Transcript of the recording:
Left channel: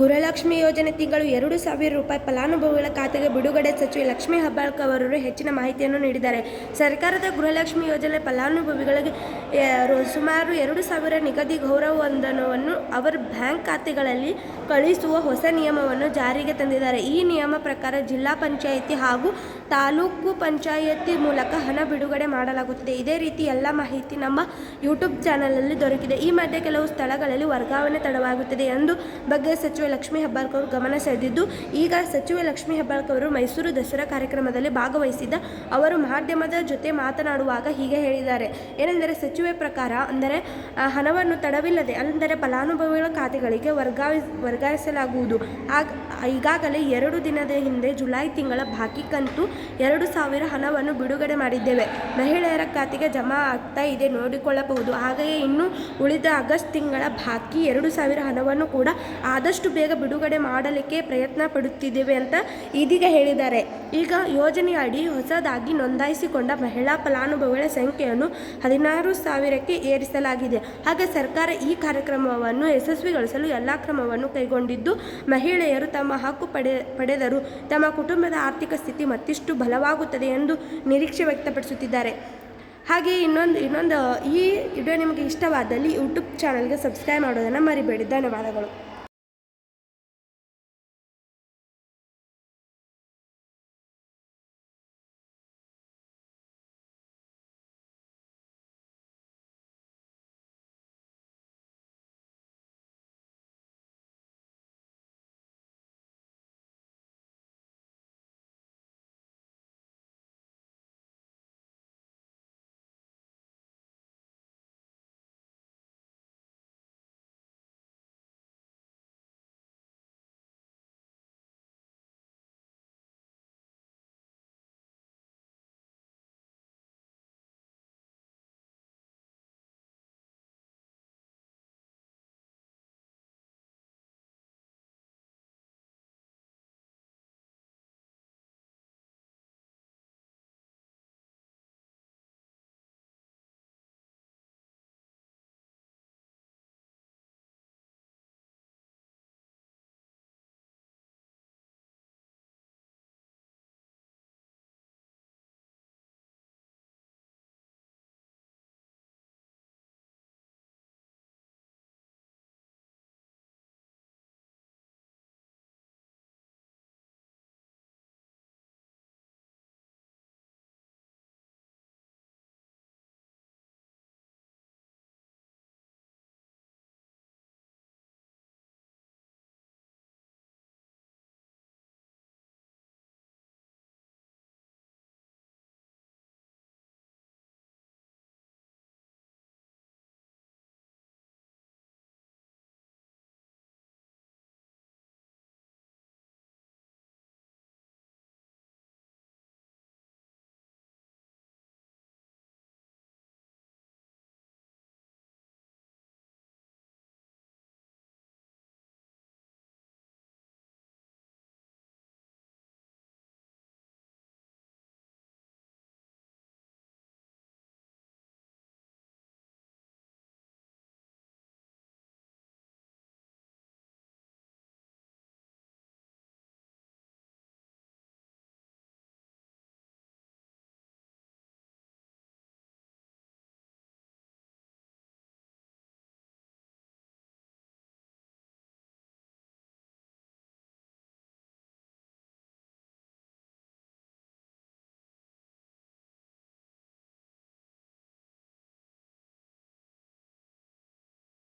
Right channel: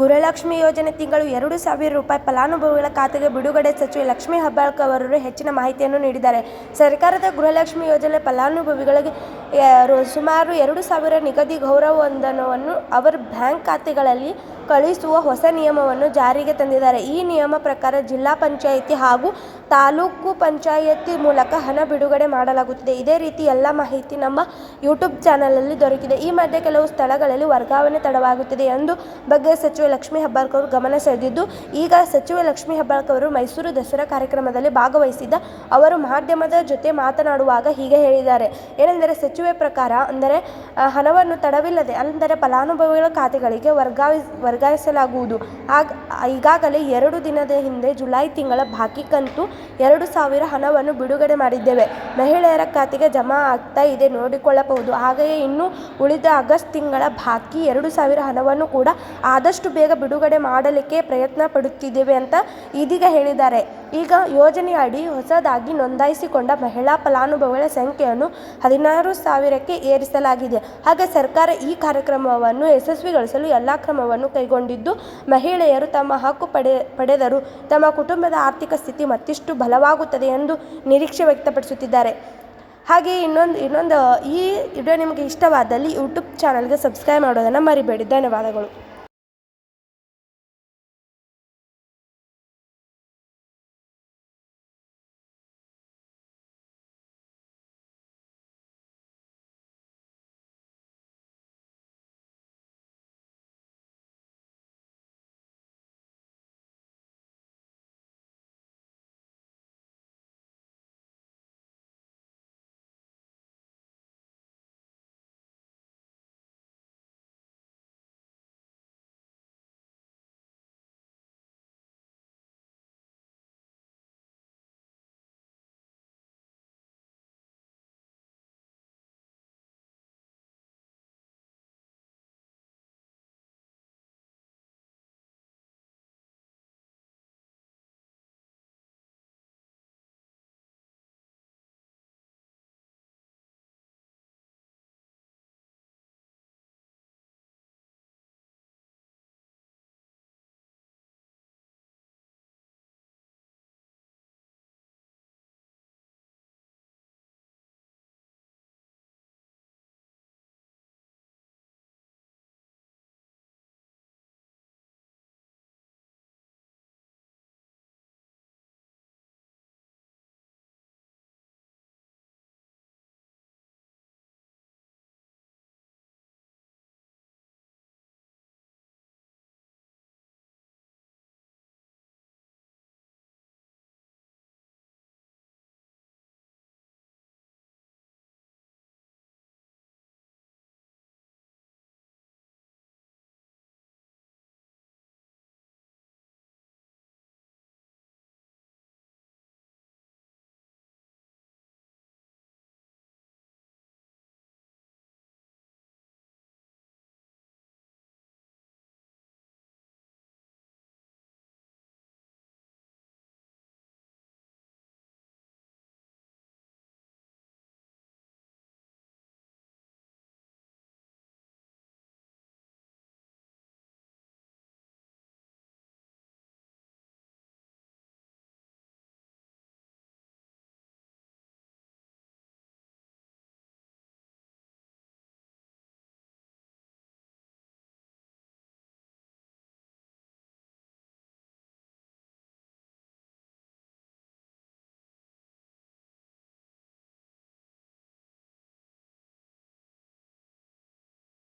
ಗೃಹಲಕ್ಷ್ಮಿ ಯೋಜನೆ ತಿಂಗಳು ಎರಡು ಸಾವಿರ ರೂಪಾಯಿ ಫಲಾನುಭವಿಗಳ ಖಾತೆಗೆ ಬಿಡುಗಡೆ ಸಚಿವ ಲಕ್ಷ್ಮಿ ಹೆಬ್ಬಾಳ್ಕರ್ ಅವರು ಹೆಚ್ಚಿನ ಮಾಹಿತಿಯನ್ನು ನೀಡಿದ್ದಾರೆ. ಸರ್ಕಾರದ ಗೃಹಲಕ್ಷ್ಮಿ ಯೋಜನೆ ಫಲಾನುಭವಿಗಳಿಗೆ ಸುಮಾರು ಎರಡು ಸಾವಿರ ನಿಗದಿ ಗೌರವವಂದನವನ್ನು ಅವರ ಬ್ಯಾಂಕ್ ಖಾತೆಗಳಲ್ಲಿ ಕಳುಹಿಸುವ ಹೊಸ ನಿಯಮವನ್ನು ಜಾರಿಗೆ ತಂದಿದ್ದಾರೆ. ಈ ನಿಯಮ ಪ್ರಕಾರ ಜಿಲ್ಲಾ ಪಂಚಾಯಿತಿ ಹಾಗೂ ತಾಲೂಕು ಪಂಚಾಯತಿ ಮೂಲಕ ಹಣ ಬಿಡುಗಡೆ ಮಾಡಲಾಗುತ್ತದೆ. ಇದೇ ರೀತಿ ಎಲ್ಲ ಮಾಹಿತಿ ನಮ್ಮ ಯೂಟ್ಯೂಬ್ ಚಾನಲಲ್ಲಿ ದೊರಕಿದೆ. ಈ ಮಧ್ಯೆ ಕೆಲವು ಸ್ಥಳಗಳಲ್ಲಿ ವರ್ಗಾವಣೆ ತಡವಾಗುತ್ತಿದೆ ಎಂದು ಬಗ್ಗೆ ಸಚಿವೆ ಲಕ್ಷ್ಮೀ ಹೆಬ್ಬಾಳ್ಕರ್ ಗಮನ ಸೆಳೆದಿದ್ದು, ಈಗ ಸಚಿವೆ ಲಕ್ಷ್ಮೀ ಅವರು ಮೈಸೂರು ದಸರಾ ಕಾರ್ಯಕ್ರಮದಲ್ಲಿ ಭಾಗವಹಿಸಿದ್ದ ಅವರು ಮಾಧ್ಯಮದ ಜೊತೆ ಮಾತನಾಡುವಾಗ ಹೀಗೆ ಹೇಳಿದ್ದಾರೆ. ಏನೆಂದರೆ, ಸಚಿವೆ ಪ್ರಕಾರ ಅಂದರೆ ಹಣವನ್ನು ತಡವಿಲ್ಲದೆ ಅಂದರೆ ಫಲಾನುಭವಿಗಳ ಖಾತೆಗಳಿಗೆ ವರ್ಗಾವಿ, ವರ್ಗಾಯಿಸಲಾಗುವುದು. ಆಗ, ಈಗಾಗಲೇ ಎರಡು ದಿನದ ಹಿಂದೆ ಜುಲೈ ತಿಂಗಳ ಬಾಕಿ ಕಂತು ಎರಡು ಸಾವಿರ ಹಣವನ್ನು ಬಿಡುಗಡೆ ಮಾಡಿದ್ದೇವೆ. ಮಹಿಳೆಯರ ಖಾತೆಗೆ ಜಮಾ ಆಗ್ತಾ ಇದೆ, ನೋಡಿಕೊಳ್ಳಬಹುದು. ಹಾಗೆಯೇ ಇನ್ನು ಉಳಿದ ಆಗಸ್ಟ್ ತಿಂಗಳ ಬಾಕಿ ಎರಡು ಸಾವಿರ ಹಣವನ್ನು ಕೂಡ ಆದಷ್ಟು ಬೇಗ ಬಿಡುಗಡೆ ಮಾಡಲಿಕ್ಕೆ ಪ್ರಯತ್ನ ಪಡುತ್ತಿದ್ದೇವೆ ಅಂತ ಇದೀಗ ಹೇಳಿದ್ದಾರೆ. ಈಗ ಯೋಜನೆಯಡಿ ಹೊಸದಾಗಿ ನೋಂದಾಯಿಸಿಕೊಂಡ ಮಹಿಳಾ ಫಲಾನುಭವಿಗಳ ಸಂಖ್ಯೆಯನ್ನು ಹದಿನಾರು ಸಾವಿರಕ್ಕೆ ಏರಿಸಲಾಗಿದೆ. ಹಾಗೆ ಸರ್ಕಾರ ಈ ಕಾರ್ಯಕ್ರಮವನ್ನು ಯಶಸ್ವಿಗೊಳಿಸಲು ಎಲ್ಲ ಕ್ರಮವನ್ನು ಕೈಗೊಂಡಿದ್ದು, ಮಹಿಳೆಯರು ತಮ್ಮ ಹಕ್ಕು ಪಡೆ, ಪಡೆದರು. ತಮ್ಮ ಕುಟುಂಬದ ಆರ್ಥಿಕ ಸ್ಥಿತಿ ಮತ್ತಿಷ್ಟು ಬಲವಾಗುತ್ತದೆ ಎಂದು ನಿರೀಕ್ಷೆ ವ್ಯಕ್ತಪಡಿಸುತ್ತಿದ್ದಾರೆ. ಹಾಗೆ ಇನ್ನೊಂದು ಇನ್ನೊಂದು, ಈ ವಿಡಿಯೋ ನಿಮಗೆ ಇಷ್ಟವಾದಲ್ಲಿ ಯೂಟ್ಯೂಬ್ ಚಾನಲ್ಗೆ ಸಬ್ಸ್ಕ್ರೈಬ್ ಮಾಡೋದನ್ನು ಮರಿಬೇಡಿ. ಧನ್ಯವಾದಗಳು.